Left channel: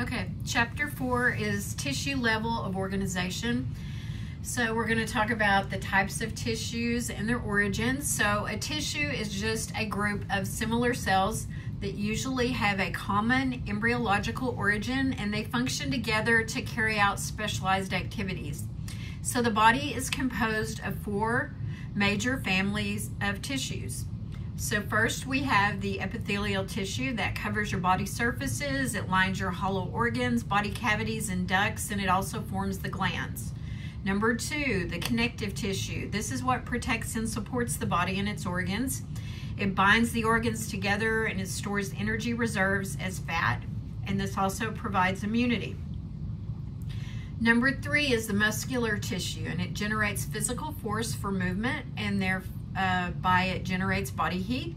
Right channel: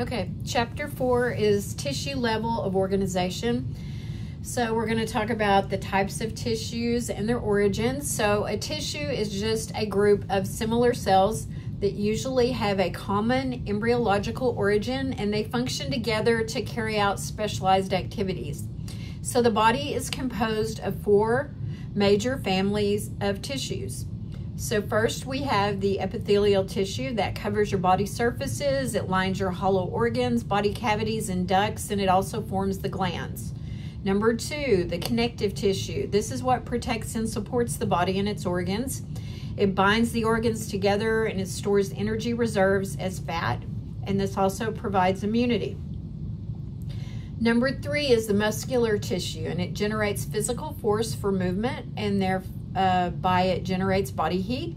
Okay, chapter 4 is tissue level of organization. So we're going to talk about the types of tissues and their origins. So a tissue is just a group of similar cells that usually have a common embryological origin, and they function together to carry out specialized activities. So the body is composed of 4 major families of tissues. So first we have the epithelial tissue that covers your body surfaces. It lines your hollow organs, body cavities, and ducts, and it also forms the glands. Number 2, the connective tissue. This is what protects and supports the body and its organs. It binds the organs together and it stores energy reserves as fat, and this also provides immunity. Number 3 is the muscular tissue, and it generates physical force for movement, and thereby it generates body heat.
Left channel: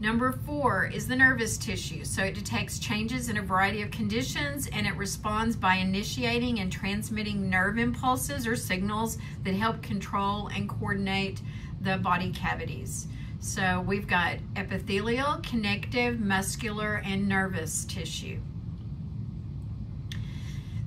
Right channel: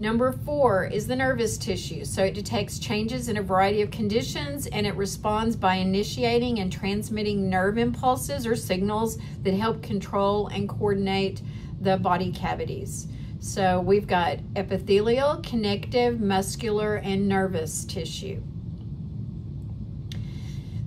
Number 4 is the nervous tissue. So it detects changes in a variety of conditions, and it responds by initiating and transmitting nerve impulses or signals that help control and coordinate the body cavities. So we've got epithelial, connective, muscular, and nervous tissue.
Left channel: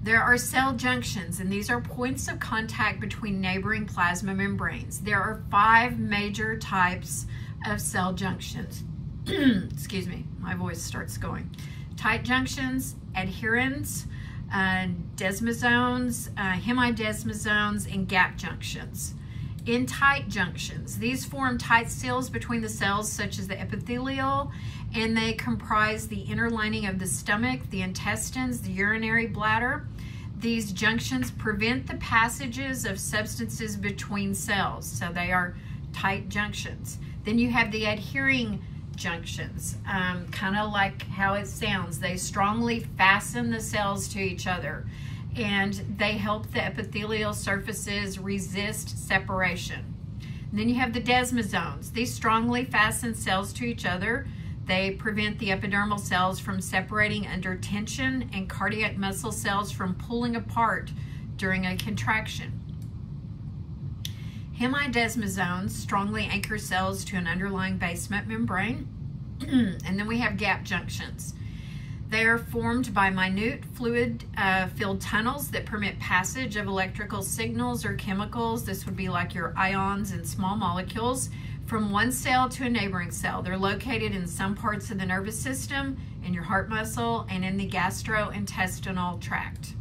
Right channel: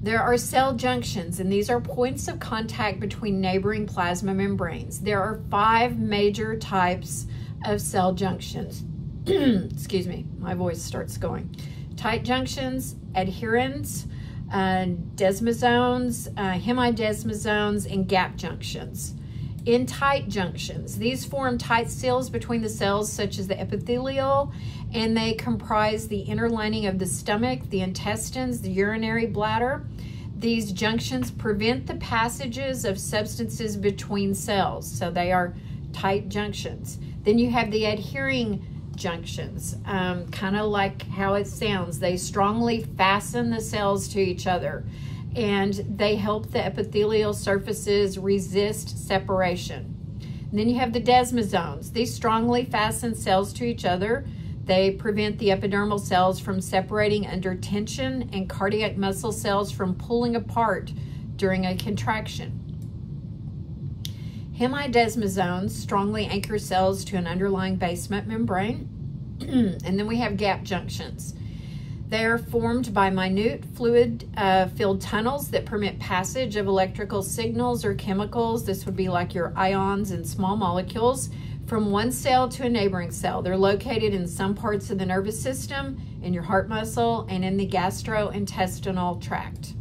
There are cell junctions, and these are points of contact between neighboring plasma membranes. There are 5 major types of cell junctions. Excuse me, my voice starts going. Tight junctions, adherens, desmosomes, hemidesmosomes, and gap junctions. In tight junctions, these form tight seals between the cells, such as the epithelial, and they comprise the inner lining of the stomach, the intestines, the urinary bladder. These junctions prevent the passages of substances between cells, so they are tight junctions. Then you have the adhering junctions, kind of like how it sounds. They strongly fasten the cells to each other, and they help the epithelial surfaces resist separation. And then you have the desmosomes. These strongly fasten cells to each other. They prevent the epidermal cells from separating under tension and cardiac muscle cells from pulling apart during a contraction. Hemidesmosomes strongly anchor cells to an underlying basement membrane. And then we have gap junctions. They are formed by minute fluid-filled tunnels that permit passage of electrical signals or chemicals. This would be like your ions and small molecules from one cell to a neighboring cell. They're located in some parts of the nervous system, in your heart muscle, and in the gastrointestinal tract.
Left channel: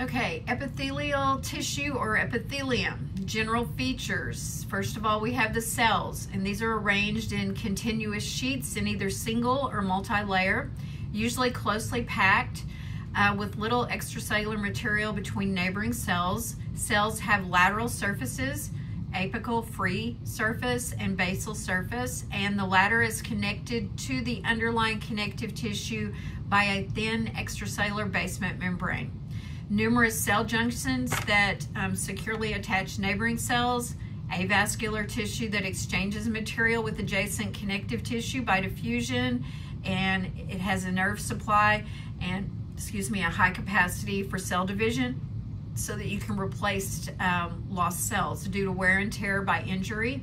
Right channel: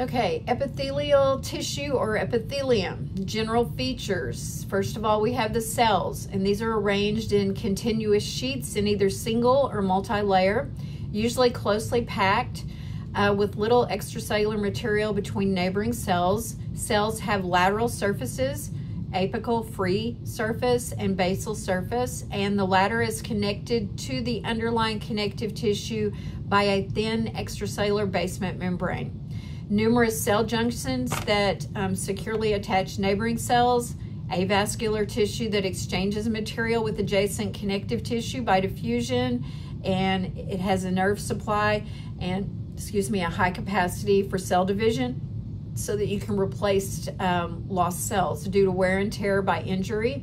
Okay, epithelial tissue or epithelium. General features. First of all, we have the cells, and these are arranged in continuous sheets in either single or multi-layer, usually closely packed with little extracellular material between neighboring cells. Cells have lateral surfaces, apical free surface, and basal surface, and the latter is connected to the underlying connective tissue by a thin extracellular basement membrane. Numerous cell junctions that securely attach neighboring cells, avascular tissue that exchanges material with adjacent connective tissue by diffusion, and it has a nerve supply and, a high capacity for cell division so that you can replace lost cells due to wear and tear by injury.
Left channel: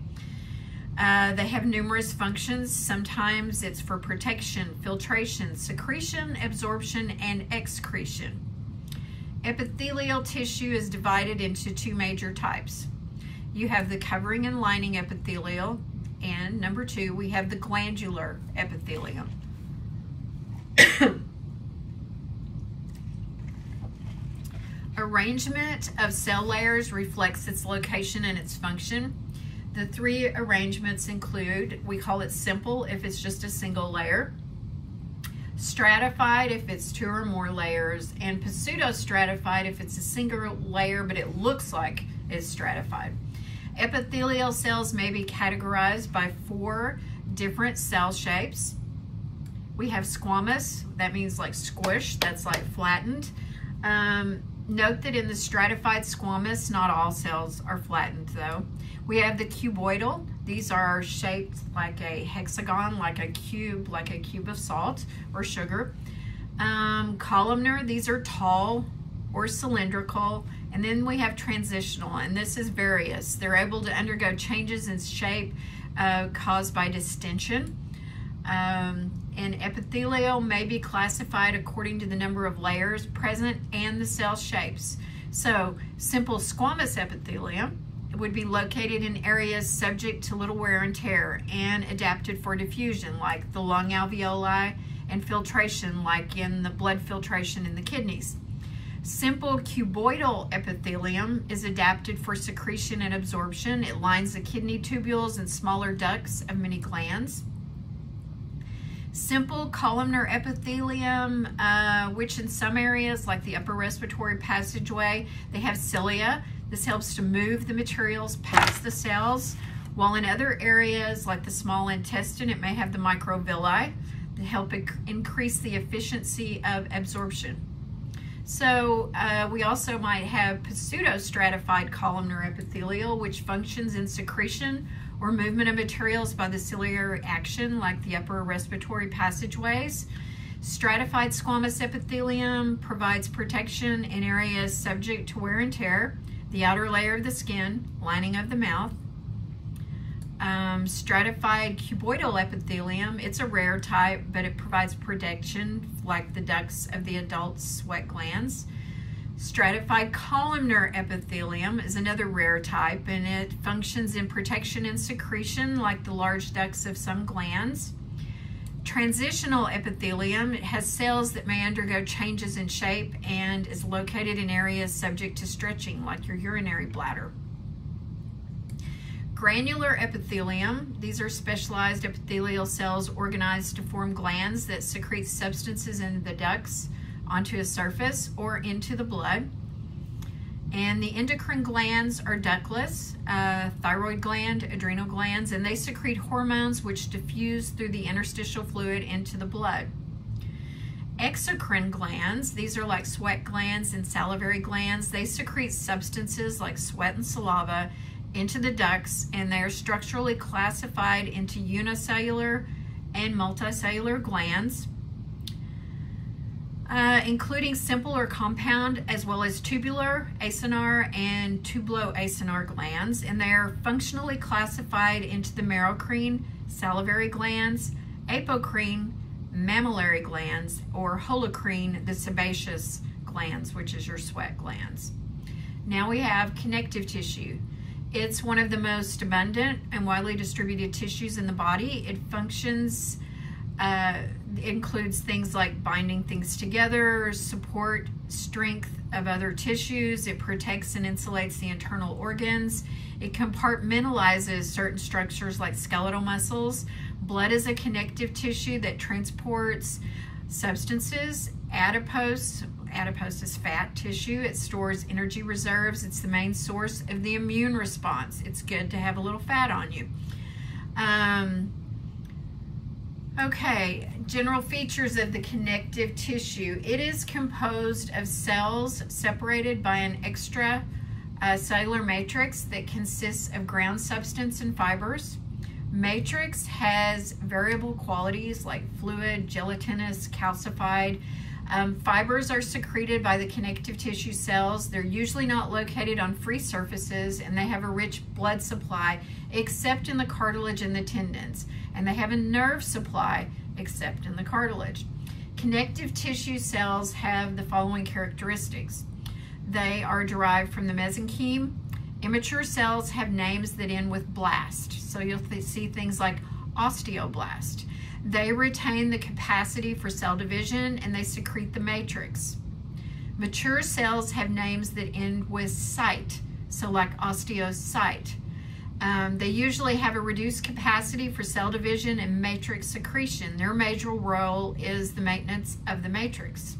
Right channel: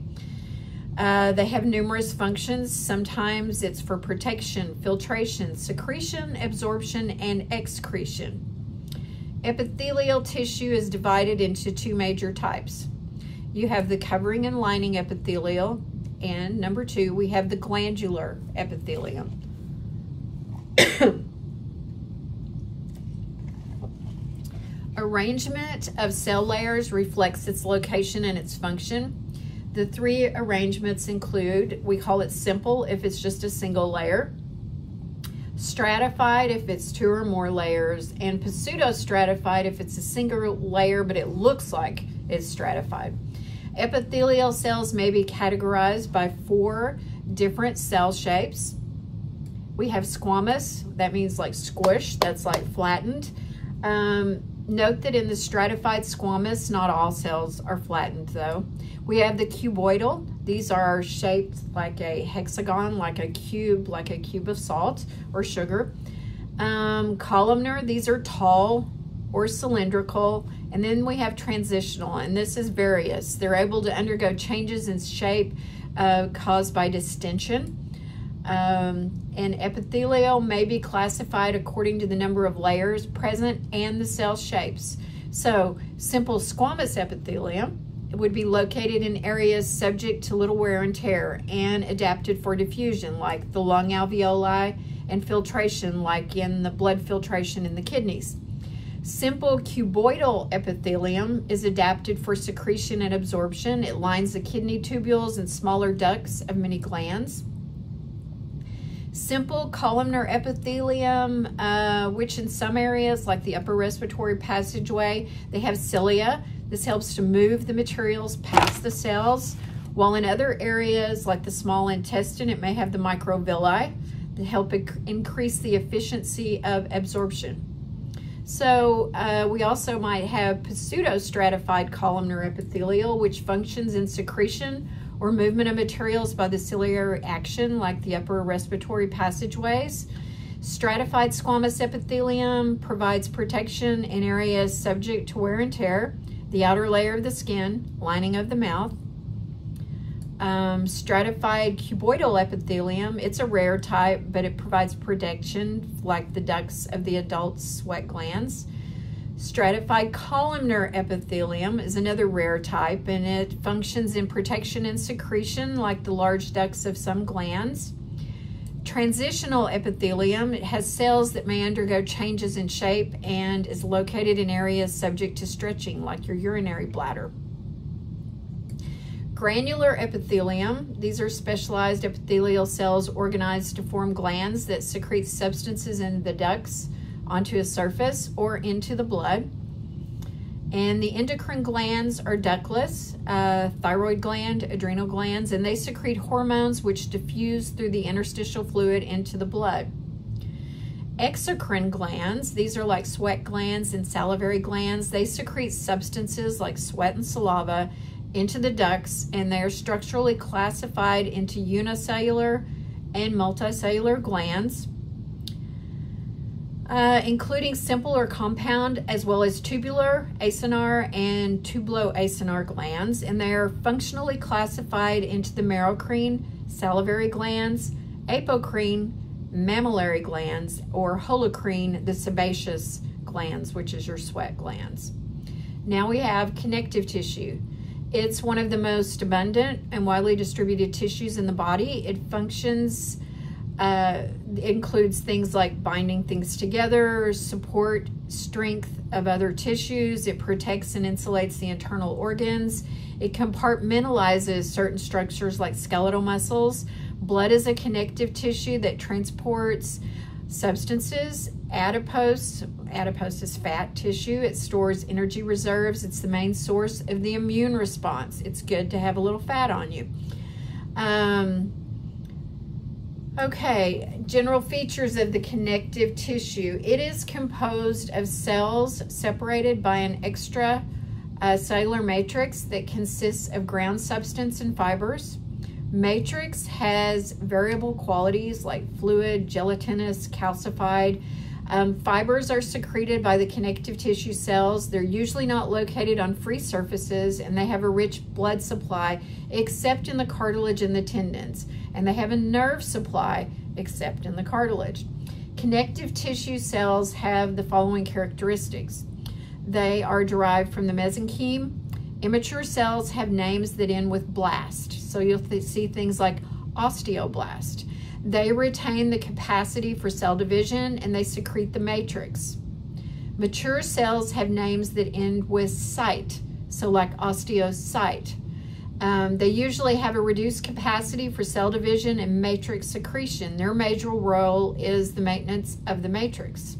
They have numerous functions. Sometimes it's for protection, filtration, secretion, absorption, and excretion. Epithelial tissue is divided into 2 major types. You have the covering and lining epithelial, and number 2, we have the glandular epithelium. Arrangement of cell layers reflects its location and its function. The 3 arrangements include, we call it simple if it's just a single layer, stratified if it's 2 or more layers, and pseudostratified if it's a single layer but it looks like it's stratified. Epithelial cells may be categorized by 4 different cell shapes. We have squamous, that means like squish, that's like flattened. Note that in the stratified squamous, not all cells are flattened though. We have the cuboidal. These are shaped like a hexagon, like a cube of salt or sugar. Columnar, these are tall or cylindrical. And then we have transitional, and this is various. They're able to undergo changes in shape caused by distension. And epithelial may be classified according to the number of layers present and the cell shapes. So simple squamous epithelium would be located in areas subject to little wear and tear and adapted for diffusion, like the lung alveoli, and filtration, like in the blood filtration in the kidneys. Simple cuboidal epithelium is adapted for secretion and absorption. It lines the kidney tubules and smaller ducts of many glands. Simple columnar epithelium, which in some areas, like the upper respiratory passageway, they have cilia. This helps to move the materials past the cells, while in other areas, like the small intestine, it may have the microvilli that help increase the efficiency of absorption. So we also might have pseudostratified columnar epithelial, which functions in secretion or movement of materials by the ciliary action, like the upper respiratory passageways. Stratified squamous epithelium provides protection in areas subject to wear and tear, the outer layer of the skin, lining of the mouth. Stratified cuboidal epithelium, it's a rare type, but it provides protection like the ducts of the adult sweat glands. Stratified columnar epithelium is another rare type, and it functions in protection and secretion like the large ducts of some glands. Transitional epithelium, it has cells that may undergo changes in shape and is located in areas subject to stretching, like your urinary bladder. Granular epithelium, these are specialized epithelial cells organized to form glands that secrete substances in the ducts onto a surface or into the blood. And the endocrine glands are ductless, thyroid gland, adrenal glands, and they secrete hormones which diffuse through the interstitial fluid into the blood. Exocrine glands, these are like sweat glands and salivary glands. They secrete substances like sweat and saliva into the ducts, and they are structurally classified into unicellular and multicellular glands, including simple or compound, as well as tubular, acinar, and tubuloacinar glands, and they are functionally classified into the merocrine, salivary glands, apocrine, mammillary glands, or holocrine, the sebaceous glands, which is your sweat glands. Now we have connective tissue. It's one of the most abundant and widely distributed tissues in the body. It functions, includes things like binding things together, support strength of other tissues. It protects and insulates the internal organs. It compartmentalizes certain structures like skeletal muscles. Blood is a connective tissue that transports substances. Adipose is fat tissue. It stores energy reserves. It's the main source of the immune response. It's good to have a little fat on you. Okay, general features of the connective tissue. It is composed of cells separated by an extracellular matrix that consists of ground substance and fibers. Matrix has variable qualities like fluid, gelatinous, calcified. Fibers are secreted by the connective tissue cells. They're usually not located on free surfaces, and they have a rich blood supply except in the cartilage and the tendons, and they have a nerve supply except in the cartilage. Connective tissue cells have the following characteristics. They are derived from the mesenchyme. Immature cells have names that end with blast, so you'll see things like osteoblast. They retain the capacity for cell division, and they secrete the matrix. Mature cells have names that end with cyte, so like osteocyte. They usually have a reduced capacity for cell division and matrix secretion. Their major role is the maintenance of the matrix.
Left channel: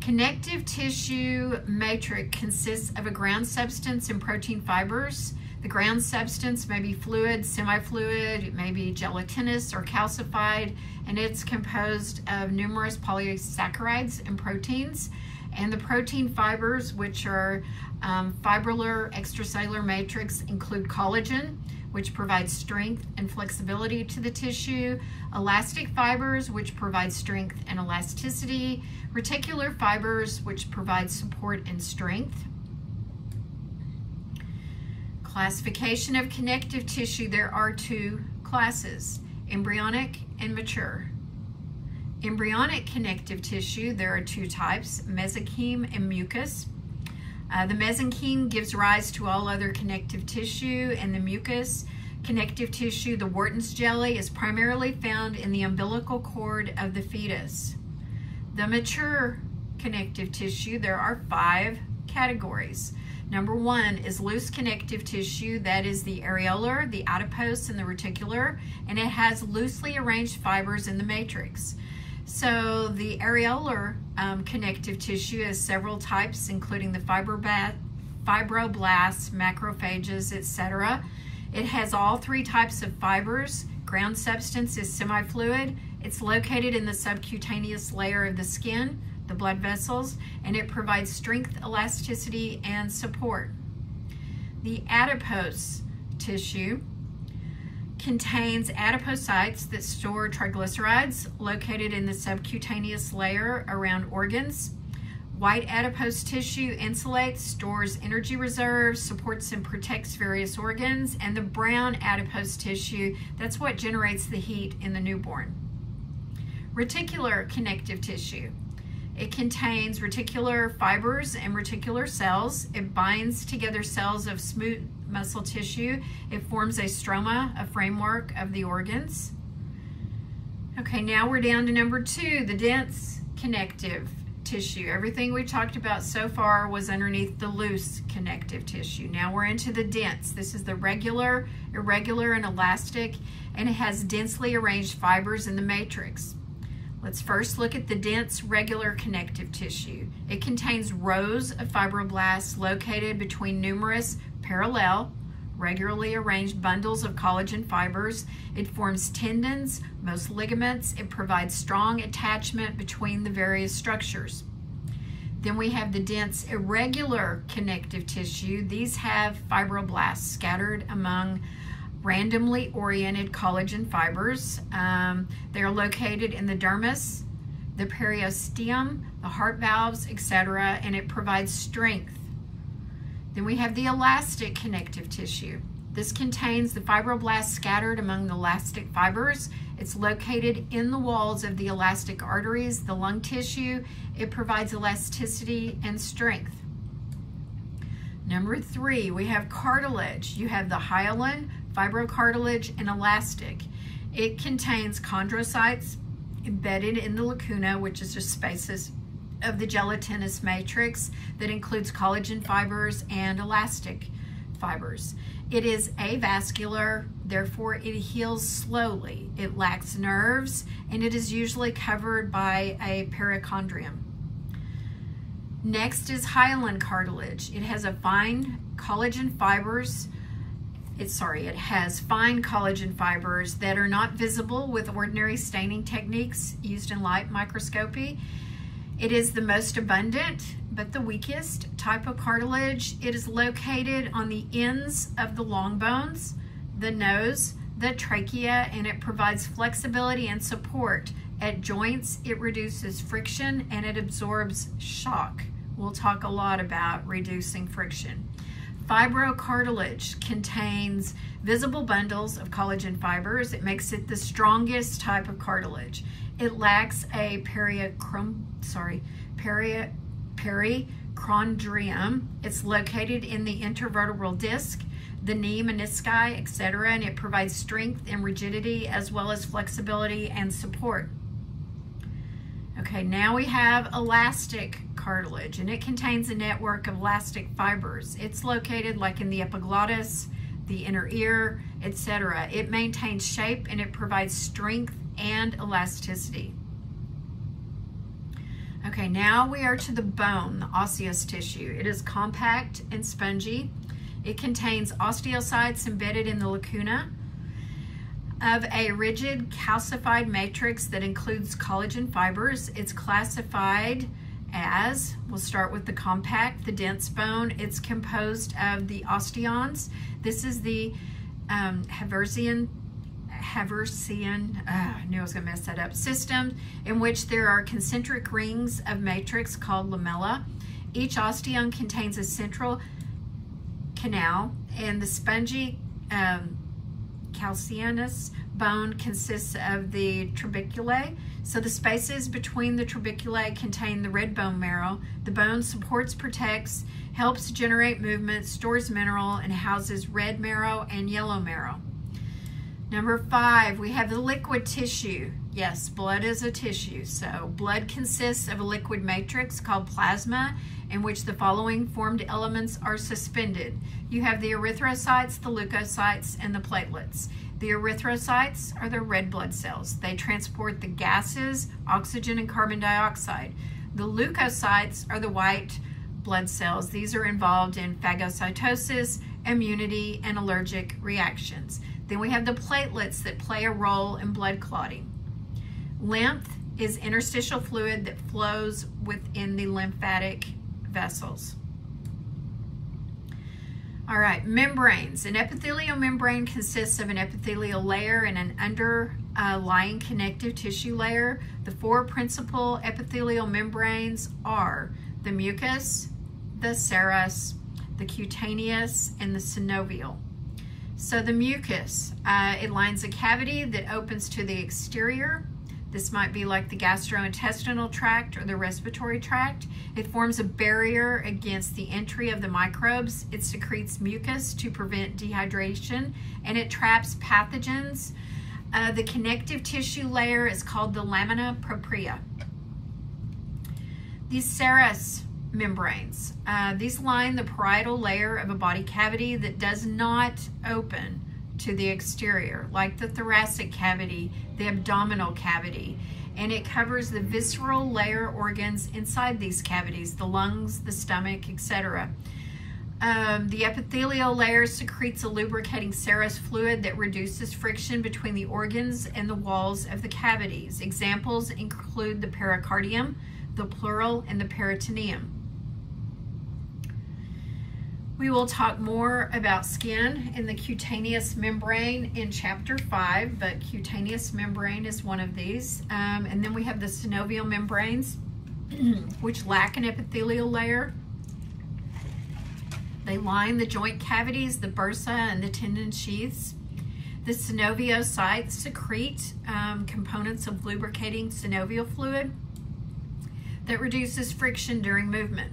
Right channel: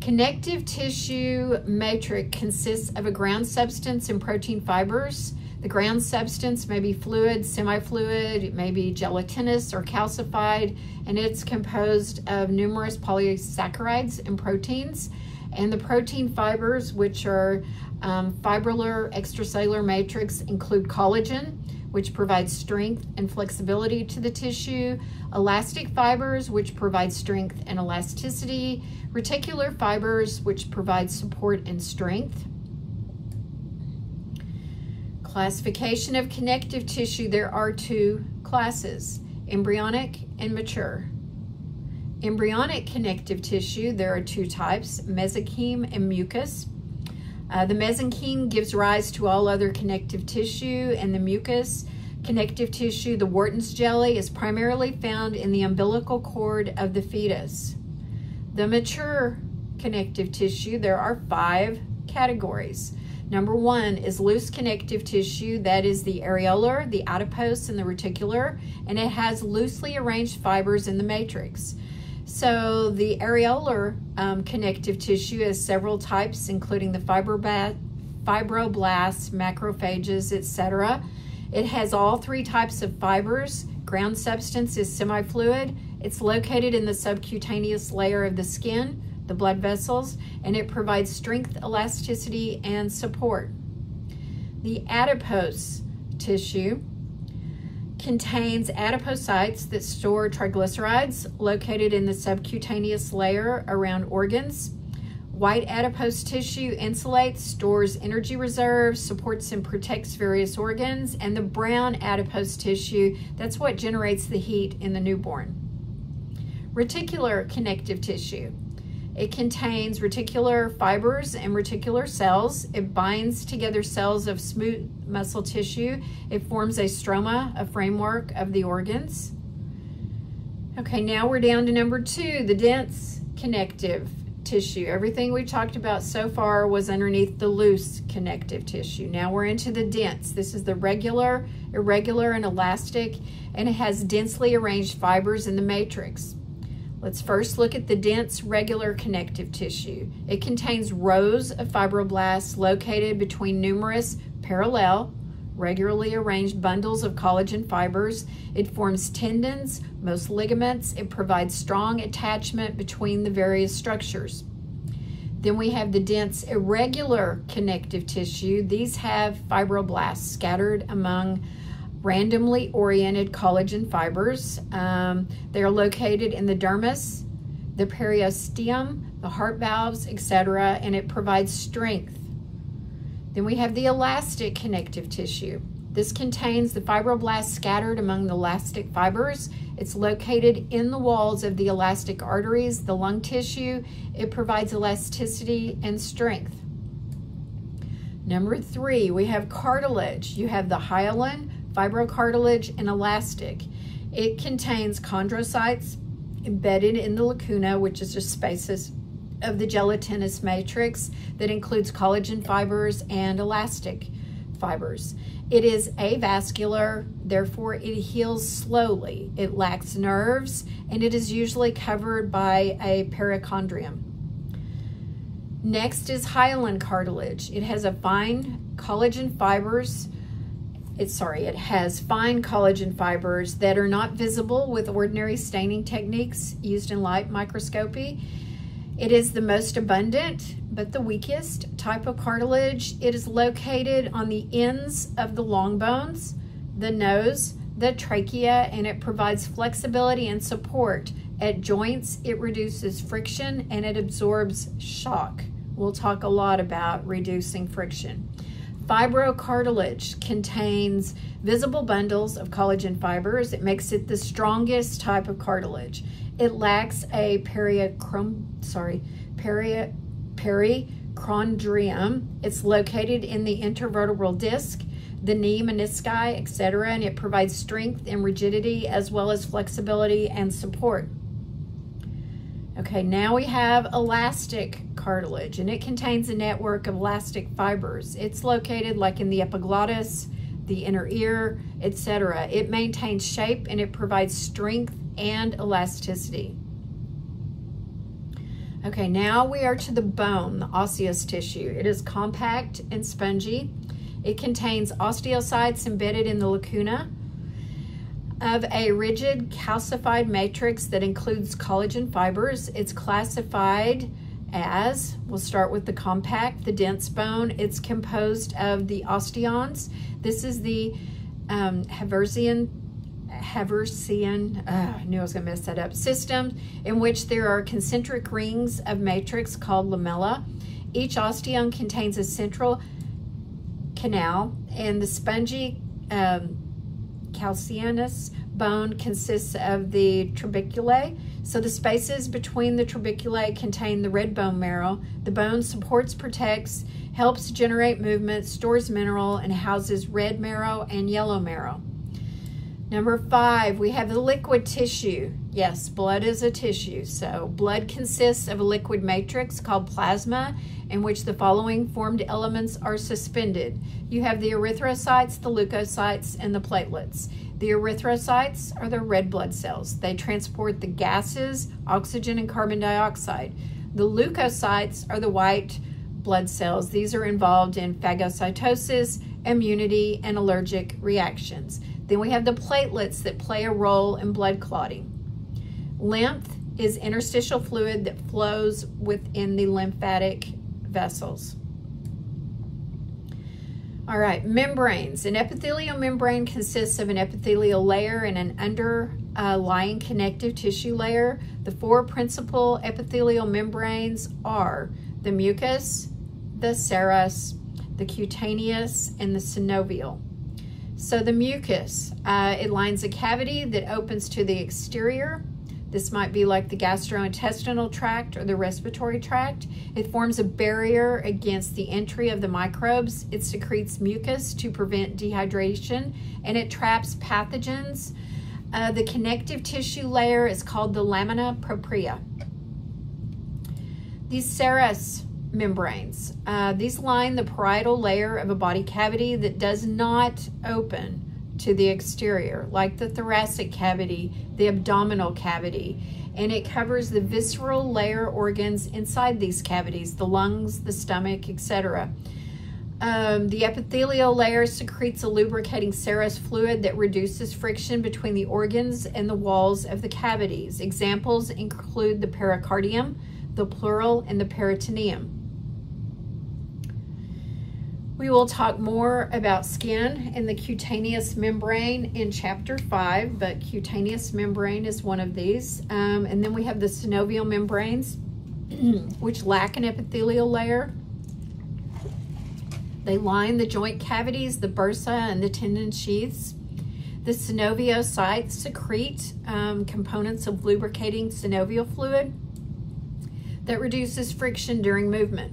Connective tissue matrix consists of a ground substance and protein fibers. The ground substance may be fluid, semi-fluid, it may be gelatinous or calcified, and it's composed of numerous polysaccharides and proteins. And the protein fibers, which are fibrillar extracellular matrix, include collagen, which provides strength and flexibility to the tissue, elastic fibers, which provide strength and elasticity, reticular fibers, which provide support and strength. Classification of connective tissue, there are two classes, embryonic and mature. Embryonic connective tissue, there are two types, mesenchyme and mucus. The mesenchyme gives rise to all other connective tissue, and the mucus connective tissue, the Wharton's jelly, is primarily found in the umbilical cord of the fetus. The mature connective tissue, there are 5 categories. Number 1 is loose connective tissue, that is the areolar, the adipose, and the reticular, and it has loosely arranged fibers in the matrix. So the areolar connective tissue has several types, including the fibroblasts, macrophages, etc. It has all 3 types of fibers. Ground substance is semi-fluid. It's located in the subcutaneous layer of the skin, the blood vessels, and it provides strength, elasticity, and support. The adipose tissue contains adipocytes that store triglycerides located in the subcutaneous layer around organs. White adipose tissue insulates, stores energy reserves, supports and protects various organs, and the brown adipose tissue, that's what generates the heat in the newborn. Reticular connective tissue. It contains reticular fibers and reticular cells. It binds together cells of smooth muscle tissue. It forms a stroma, a framework of the organs. Okay, now we're down to number 2, the dense connective tissue. Everything we talked about so far was underneath the loose connective tissue. Now we're into the dense. This is the regular, irregular, and elastic, and it has densely arranged fibers in the matrix. Let's first look at the dense regular connective tissue. It contains rows of fibroblasts located between numerous parallel, regularly arranged bundles of collagen fibers. It forms tendons, most ligaments. It provides strong attachment between the various structures. Then we have the dense irregular connective tissue. These have fibroblasts scattered among randomly oriented collagen fibers. They are located in the dermis, the periosteum, the heart valves, etc., and it provides strength. Then we have the elastic connective tissue. This contains the fibroblasts scattered among the elastic fibers. It's located in the walls of the elastic arteries, the lung tissue. It provides elasticity and strength. Number 3, we have cartilage. You have the hyaline, fibrocartilage, and elastic. It contains chondrocytes embedded in the lacuna, which is the spaces of the gelatinous matrix that includes collagen fibers and elastic fibers. It is avascular, therefore it heals slowly. It lacks nerves, and it is usually covered by a perichondrium. Next is hyaline cartilage. It has fine collagen fibers that are not visible with ordinary staining techniques used in light microscopy. It is the most abundant, but the weakest type of cartilage. It is located on the ends of the long bones, the nose, the trachea, and it provides flexibility and support. At joints, it reduces friction and it absorbs shock. We'll talk a lot about reducing friction. Fibrocartilage contains visible bundles of collagen fibers. It makes it the strongest type of cartilage. It lacks a perichondrium. It's located in the intervertebral disc, the knee, menisci, etc., and it provides strength and rigidity as well as flexibility and support. Okay, now we have elastic cartilage, and it contains a network of elastic fibers. It's located like in the epiglottis, the inner ear, etc. It maintains shape and it provides strength and elasticity. Okay, now we are to the bone, the osseous tissue. It is compact and spongy. It contains osteocytes embedded in the lacuna of a rigid calcified matrix that includes collagen fibers. It's classified as, we'll start with the compact, the dense bone. It's composed of the osteons. This is the Haversian, I knew I was gonna mess that up, system in which there are concentric rings of matrix called lamella. Each osteon contains a central canal, and the spongy calcaneus bone consists of the trabeculae. So the spaces between the trabeculae contain the red bone marrow. The bone supports, protects, helps generate movement, stores mineral, and houses red marrow and yellow marrow. Number 5, we have the liquid tissue. Yes, blood is a tissue. So blood consists of a liquid matrix called plasma, in which the following formed elements are suspended. You have the erythrocytes, the leukocytes, and the platelets. The erythrocytes are the red blood cells. They transport the gases, oxygen and carbon dioxide. The leukocytes are the white blood cells. These are involved in phagocytosis, immunity, and allergic reactions. Then we have the platelets that play a role in blood clotting. Lymph is interstitial fluid that flows within the lymphatic vessels. All right, membranes. An epithelial membrane consists of an epithelial layer and an underlying connective tissue layer. The 4 principal epithelial membranes are the mucus, the serous, the cutaneous, and the synovial. So the mucus, it lines a cavity that opens to the exterior. This might be like the gastrointestinal tract or the respiratory tract. It forms a barrier against the entry of the microbes. It secretes mucus to prevent dehydration, and it traps pathogens. The connective tissue layer is called the lamina propria. These serous membranes, these line the parietal layer of a body cavity that does not open to the exterior, like the thoracic cavity, the abdominal cavity, and it covers the visceral layer organs inside these cavities, the lungs, the stomach, etc. The epithelial layer secretes a lubricating serous fluid that reduces friction between the organs and the walls of the cavities. Examples include the pericardium, the pleural, and the peritoneum. We will talk more about skin and the cutaneous membrane in chapter 5, but cutaneous membrane is one of these. And then we have the synovial membranes, which lack an epithelial layer. They line the joint cavities, the bursa, and the tendon sheaths. The synoviocytes secrete components of lubricating synovial fluid that reduces friction during movement.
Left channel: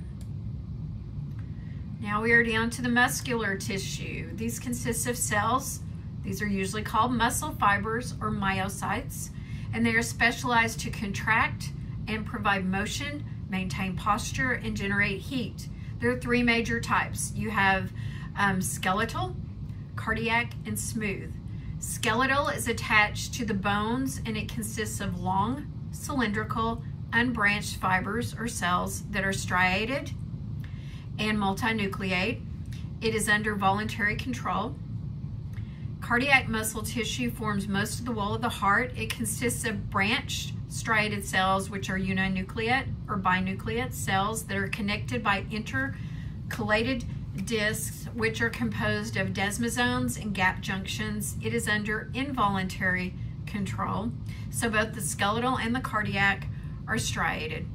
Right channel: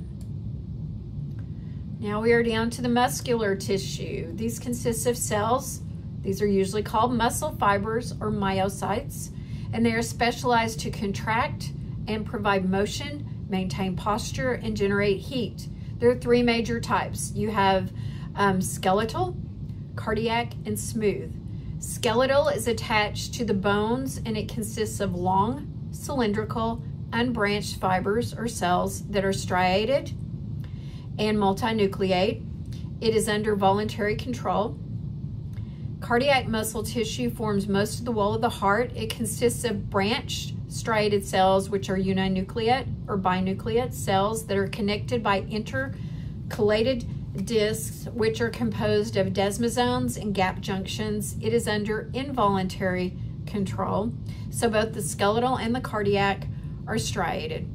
Now we are down to the muscular tissue. These consist of cells. These are usually called muscle fibers or myocytes, and they are specialized to contract and provide motion, maintain posture, and generate heat. There are 3 major types. You have skeletal, cardiac, and smooth. Skeletal is attached to the bones, and it consists of long, cylindrical, unbranched fibers or cells that are striated and multinucleate. It is under voluntary control. Cardiac muscle tissue forms most of the wall of the heart. It consists of branched striated cells, which are uninucleate or binucleate cells that are connected by intercalated discs, which are composed of desmosomes and gap junctions. It is under involuntary control. So both the skeletal and the cardiac are striated.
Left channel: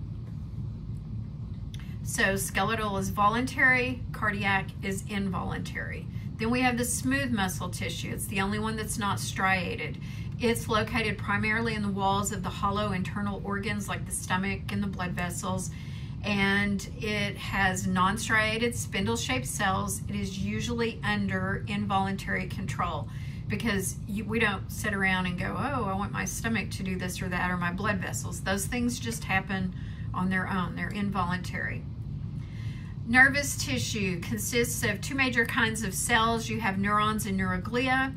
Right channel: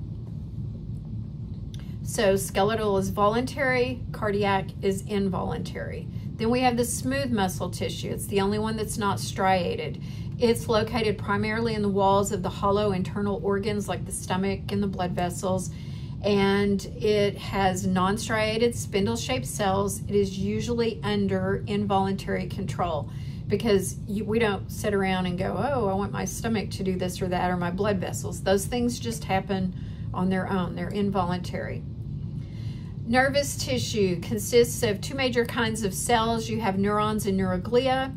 So skeletal is voluntary, cardiac is involuntary. Then we have the smooth muscle tissue. It's the only one that's not striated. It's located primarily in the walls of the hollow internal organs like the stomach and the blood vessels, and it has non-striated spindle-shaped cells. It is usually under involuntary control because we don't sit around and go, oh, I want my stomach to do this or that, or my blood vessels. Those things just happen on their own. They're involuntary. Nervous tissue consists of 2 major kinds of cells. You have neurons and neuroglia.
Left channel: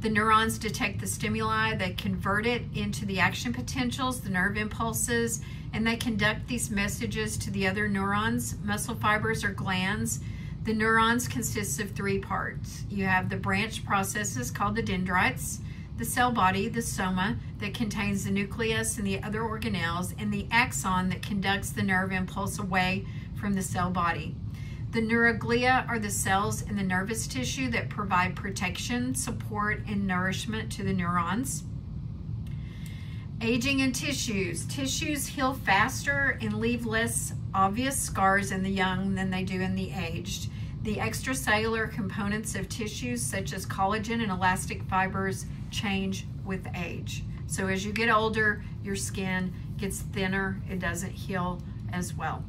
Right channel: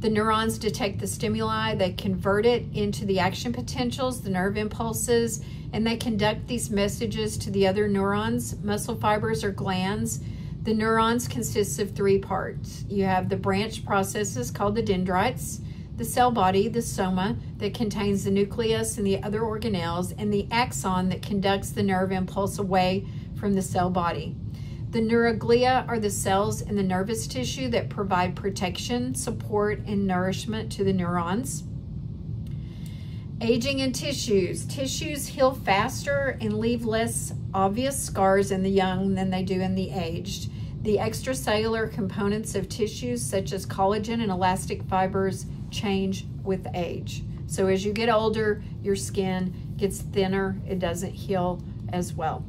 The neurons detect the stimuli, they convert it into the action potentials, the nerve impulses, and they conduct these messages to the other neurons, muscle fibers, or glands. The neurons consist of 3 parts. You have the branch processes called the dendrites, the cell body, the soma, that contains the nucleus and the other organelles, and the axon that conducts the nerve impulse away from the cell body. The neuroglia are the cells in the nervous tissue that provide protection, support, and nourishment to the neurons. Aging in tissues. Tissues heal faster and leave less obvious scars in the young than they do in the aged. The extracellular components of tissues such as collagen and elastic fibers change with age. So as you get older, your skin gets thinner. It doesn't heal as well.